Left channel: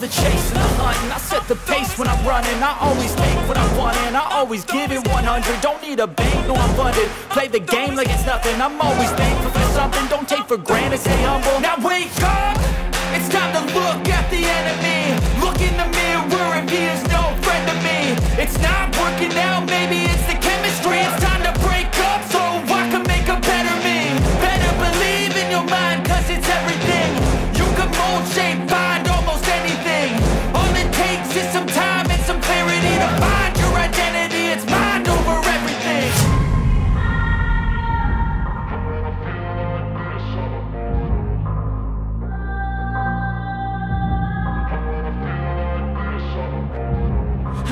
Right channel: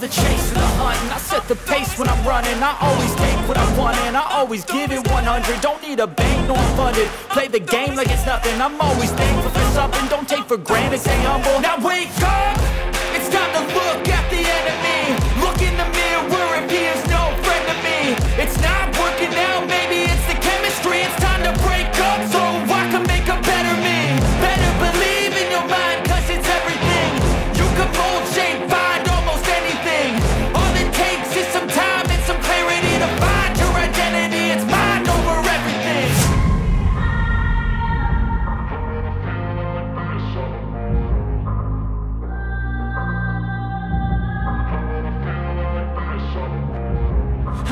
love the chase and the hunt, and I set the pace when I'm running. I always take what I want and I always give it 100. Don't need a bank, no I'm funded. Play the game like it's nothing. I'm always thankful for something. Don't take for granted, stay humble. Now wake up, it's time to look at the enemy. Look in the mirror if he is no friend to me. It's not working out, maybe it's the chemistry. It's time to break up so I can make a better me. Better believe in your mind, cause it's everything. You can mold, shape, find almost anything. All it takes is some time and some clarity to find your identity. It's mind over everything.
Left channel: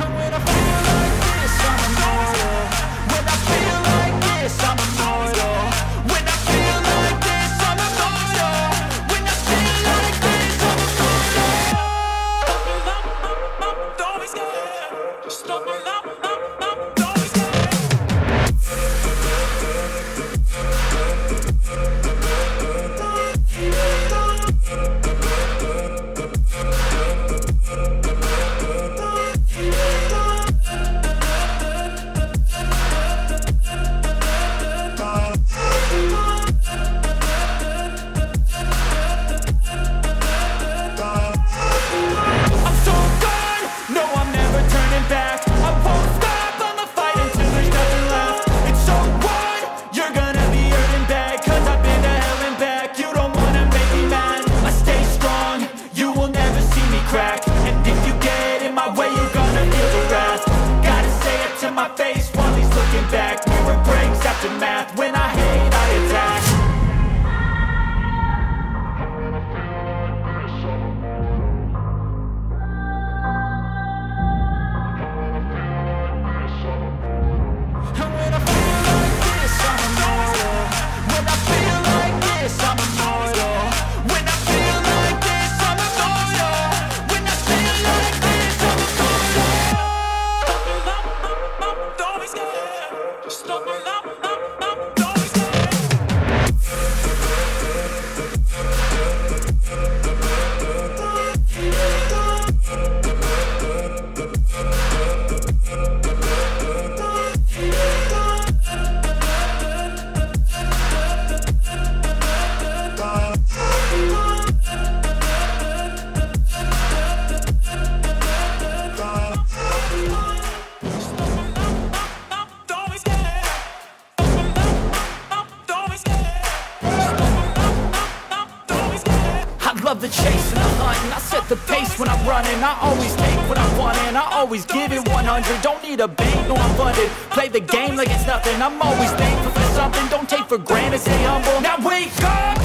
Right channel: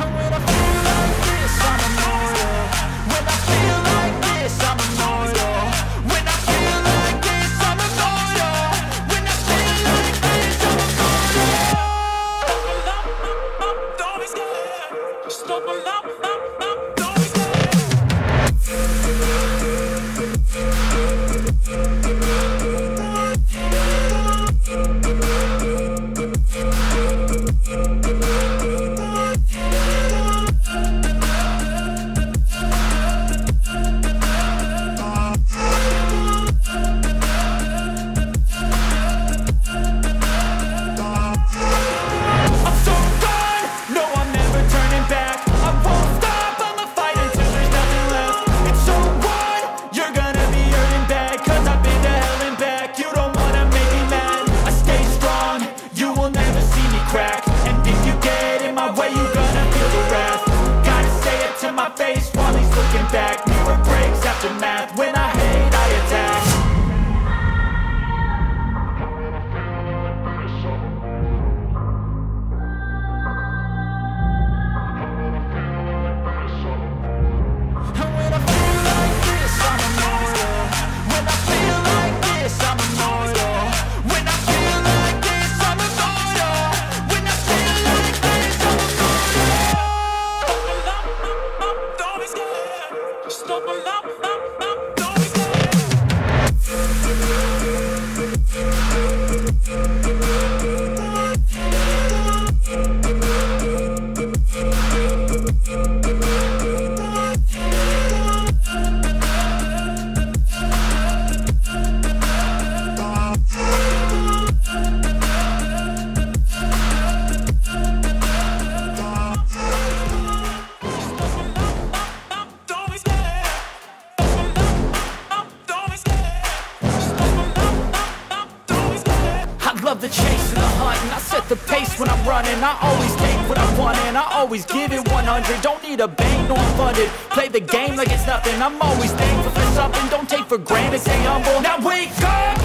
And when I feel like this, I'm immortal. When I feel like this, I'm immortal. When I feel like this, I'm immortal. When I feel like this, I'm immortal. Don't be scared. Just give me up. Don't be scared. Back. I won't stop, I'ma fight until there's nothing left. It's so on, you're gonna be hurting bad, cause I've been to hell and back. You don't wanna make me mad, I stay strong, you will never see me crack. And if you get in my way, you're gonna feel the wrath. Gotta say it to my face while he's looking back. Mirror breaks after math, when I hate, I attack. I'm immortal. When I feel like this, I'm immortal. When I feel like this, I'm immortal. When I feel like this, I'm immortal. Don't be scared. Just give me up. Don't be scared. Love the chase and the hunt, and I set the pace when I'm running. I always take what I want and I always give it 100. Don't need a bank, no I'm funded. Play the game like it's nothing. I'm always thankful for something. Don't take for granted, stay humble. Now wake up,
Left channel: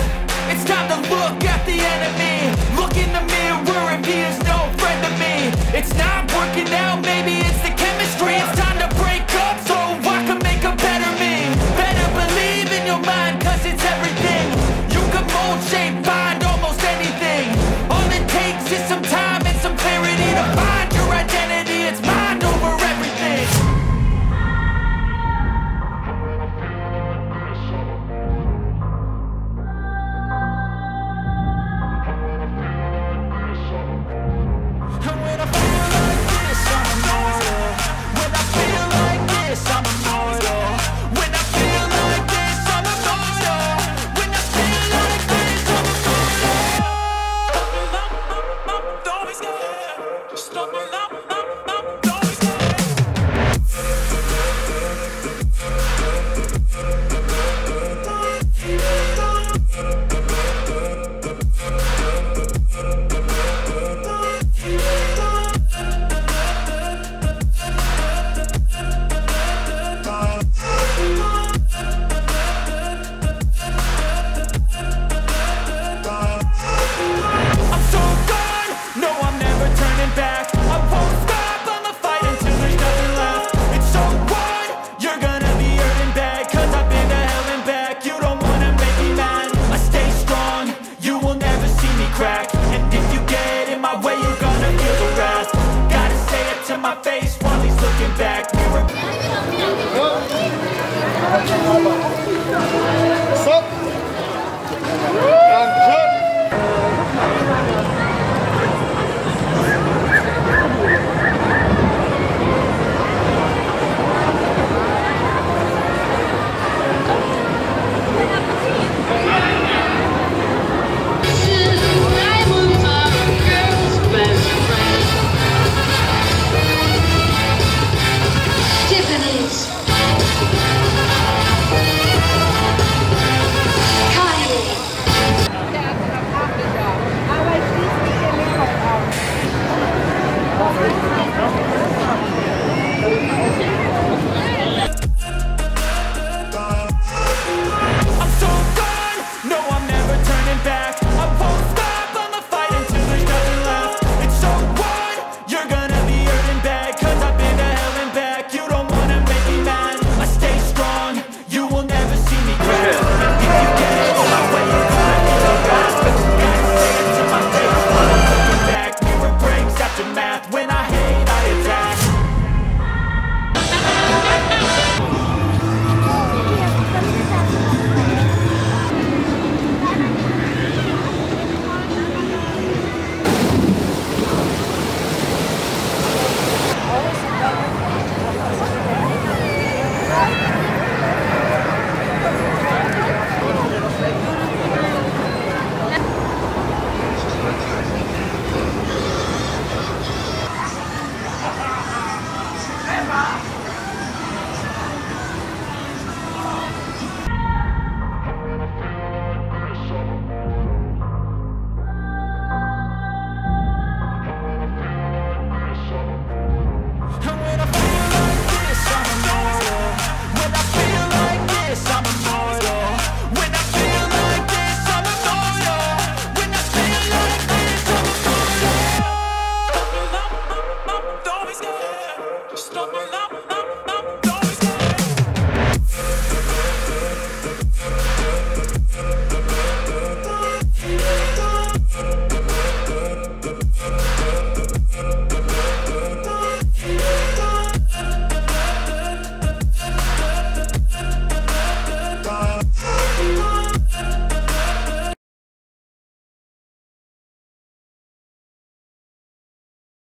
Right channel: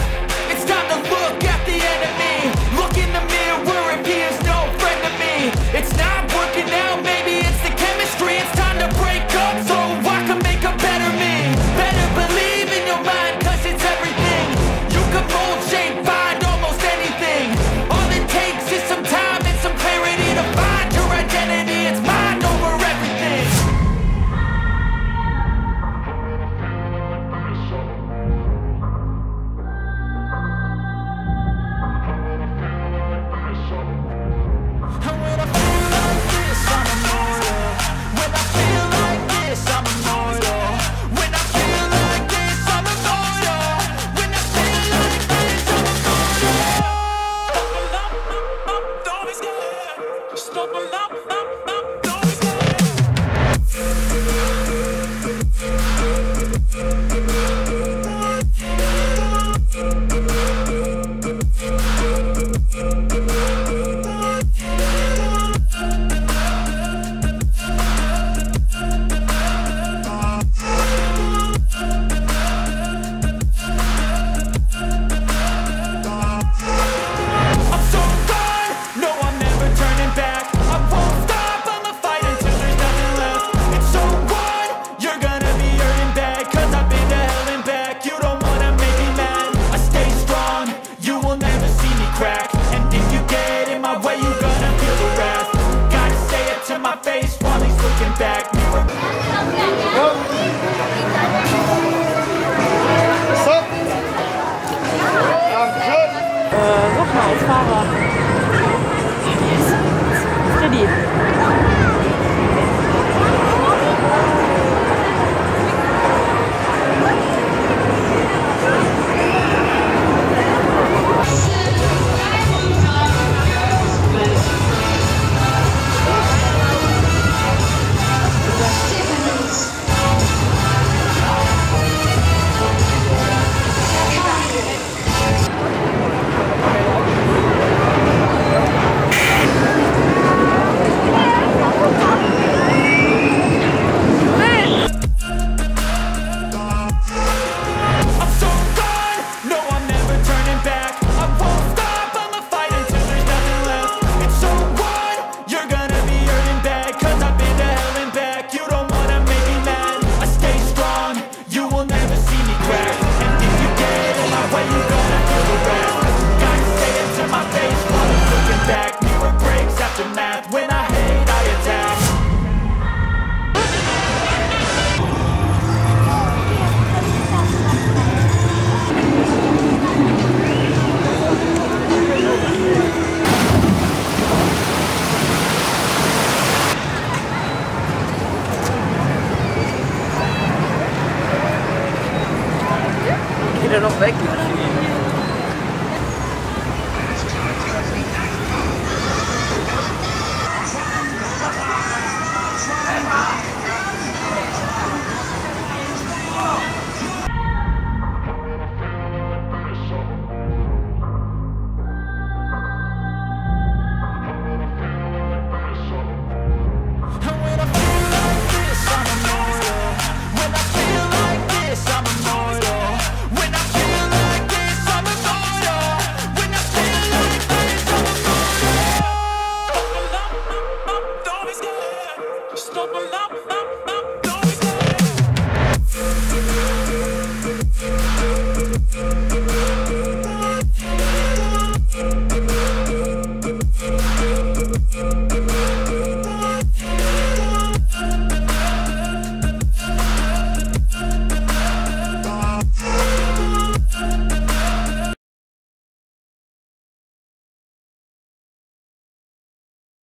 it's time to look at the enemy. Look in the mirror if he is no friend to me. It's not working out, maybe it's the chemistry. It's time to break up so I can make a better me. Better believe in your mind, cause it's everything. You can mold, shape, find almost anything. All it takes is some time and some clarity to find your identity. It's mind over everything. And when I feel like this, I'm immortal. When I feel like this, I'm immortal. When I feel like this, I'm immortal. When I feel like this, I'm immortal. Don't be scared. Just give me up. Don't be scared. Back. I won't stop, I'ma fight until there's nothing left. It's so on, you're gonna be hurting bad, cause I've been to hell and back. You don't wanna make me mad, I stay strong, you will never see me crack. And if you get in my way, you're gonna feel the wrath. Gotta say it to my face while he's looking back. Mirror. What's up? I'm good. Look mal, ich fahre. I'm immortal. When I feel like this, I'm immortal.